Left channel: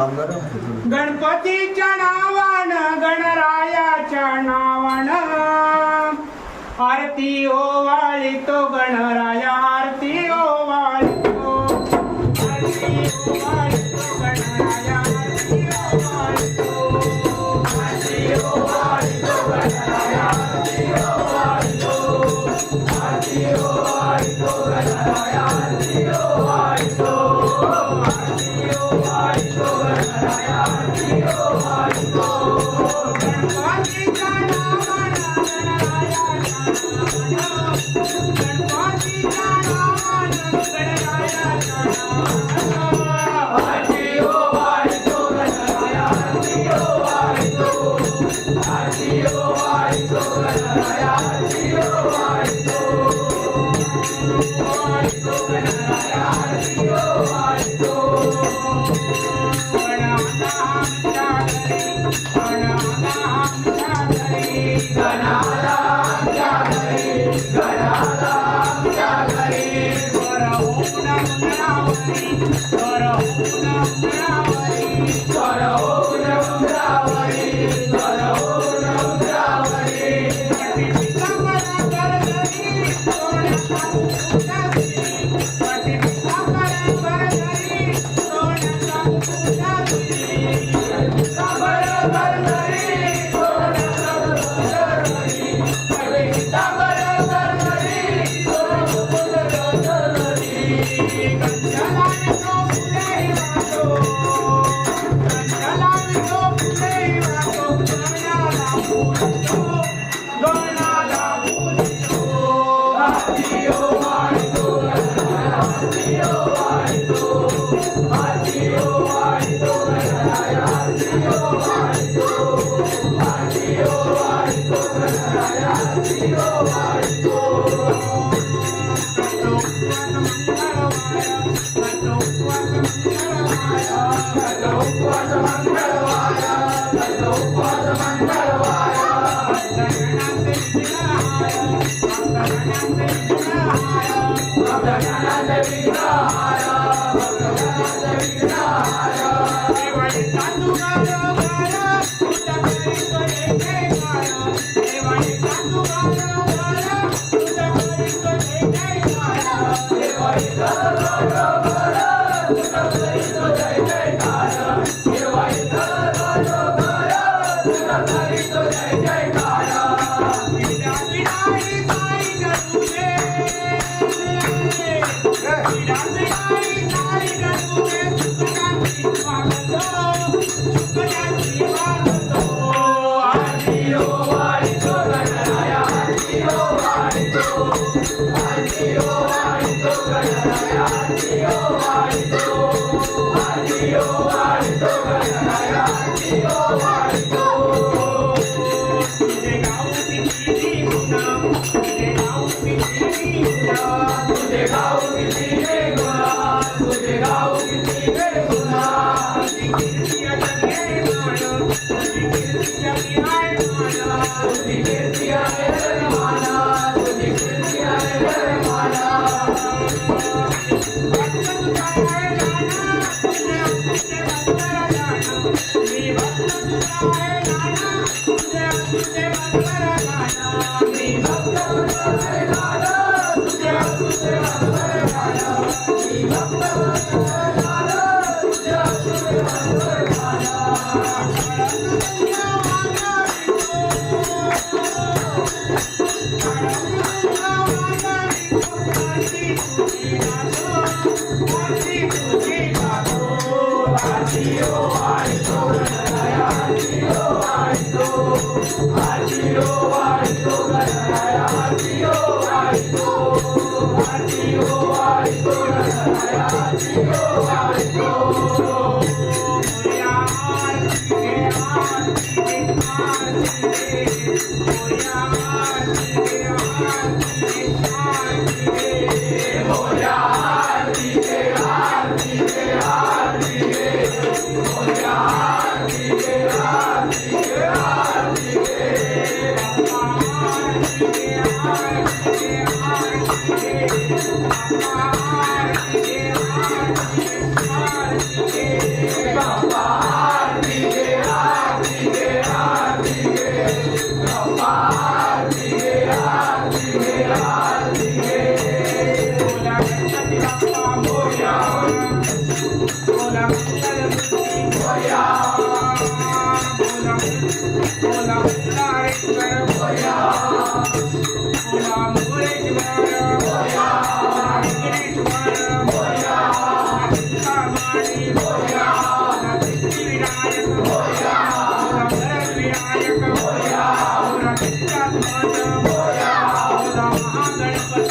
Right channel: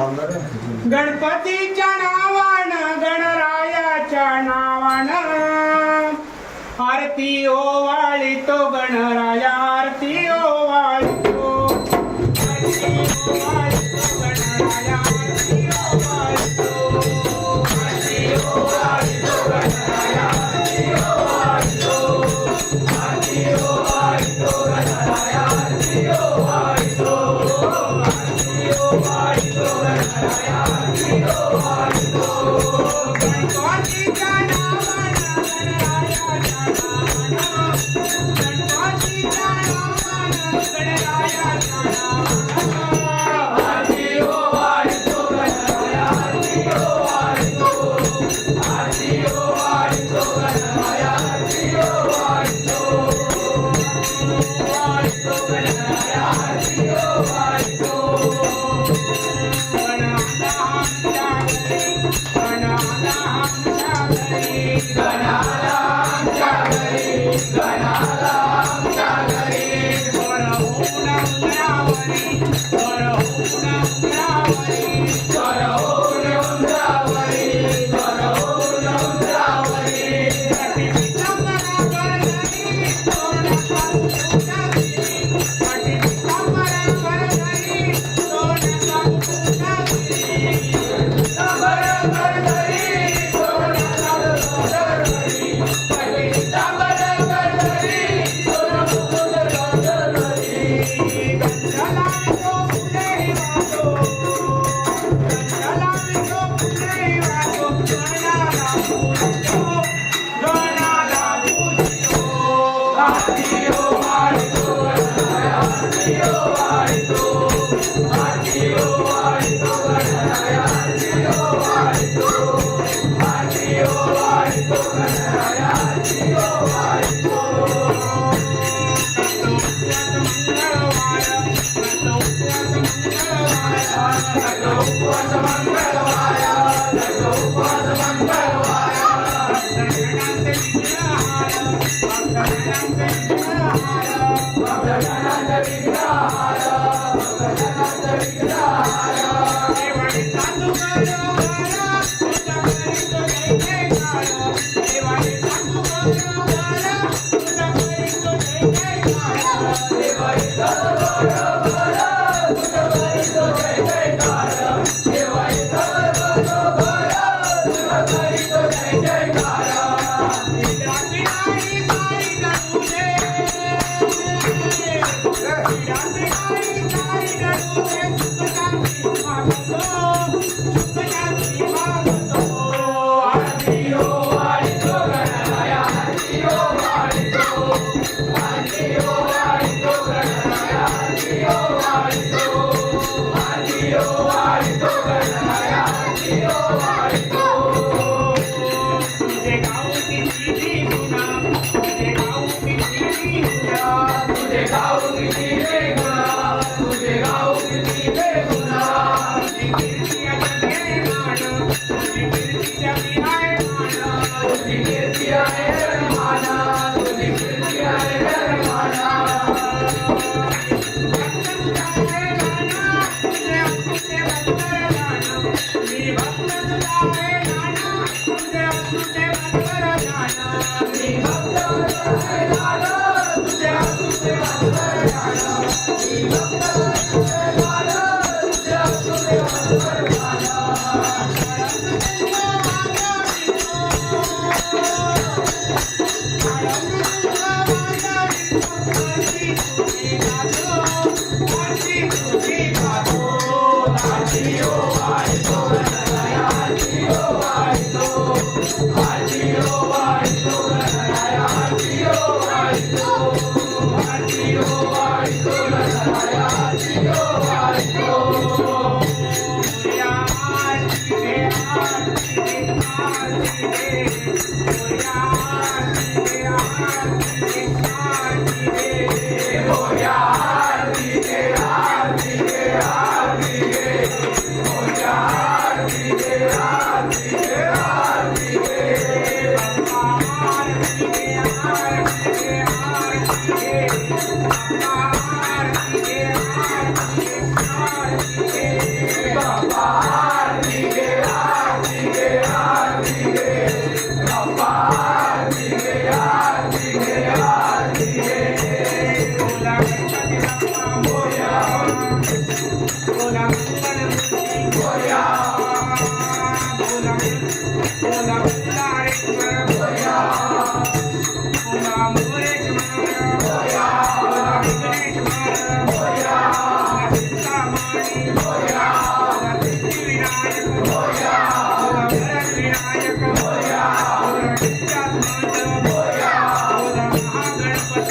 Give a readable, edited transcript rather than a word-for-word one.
गणपतीच्या नावान गणरायाच्या नावान आरती ओवाळितो गणराया आरती ओवाळितो आरती ओवाळितो गणराया आरती ओवाळितो आरती ओवाळितो गणराया आरती ओवाळितो आरती ओवाळितो गणराया आरती ओवाळितो आरती ओवाळितो गणराया आरती ओवाळितो गणपतीच्या नावान गणरायाच्या नावान गणपतीच्या नावान गणरायाच्या नावान आरती ओवाळितो गणराया आरती ओवाळितो आरती ओवाळितो गणराया आरती ओवाळितो गणाला आमच्या घरी गणाला आमच्या घरी गणाला आमच्या घरी गणाला आमच्या घरी वर होऊन उंबरावरी वर होऊन उंबरावरी वर होऊन उंबरावरी वर होऊन उंबरावरी पाठीचा मला गरगरी सोन्याचा मुकुटा दिली पाठीचा मला गरगरी सोन्याचा मुकुटा दिली Baba बोला बोला मुरारेश्वर बोला मोरेश्वर बोला विघ्नेश्वर बोला चिंतामणी बोला सिद्धिविनायक बोला वरदविनायक बोला विद्यात्मज बोला महागणपती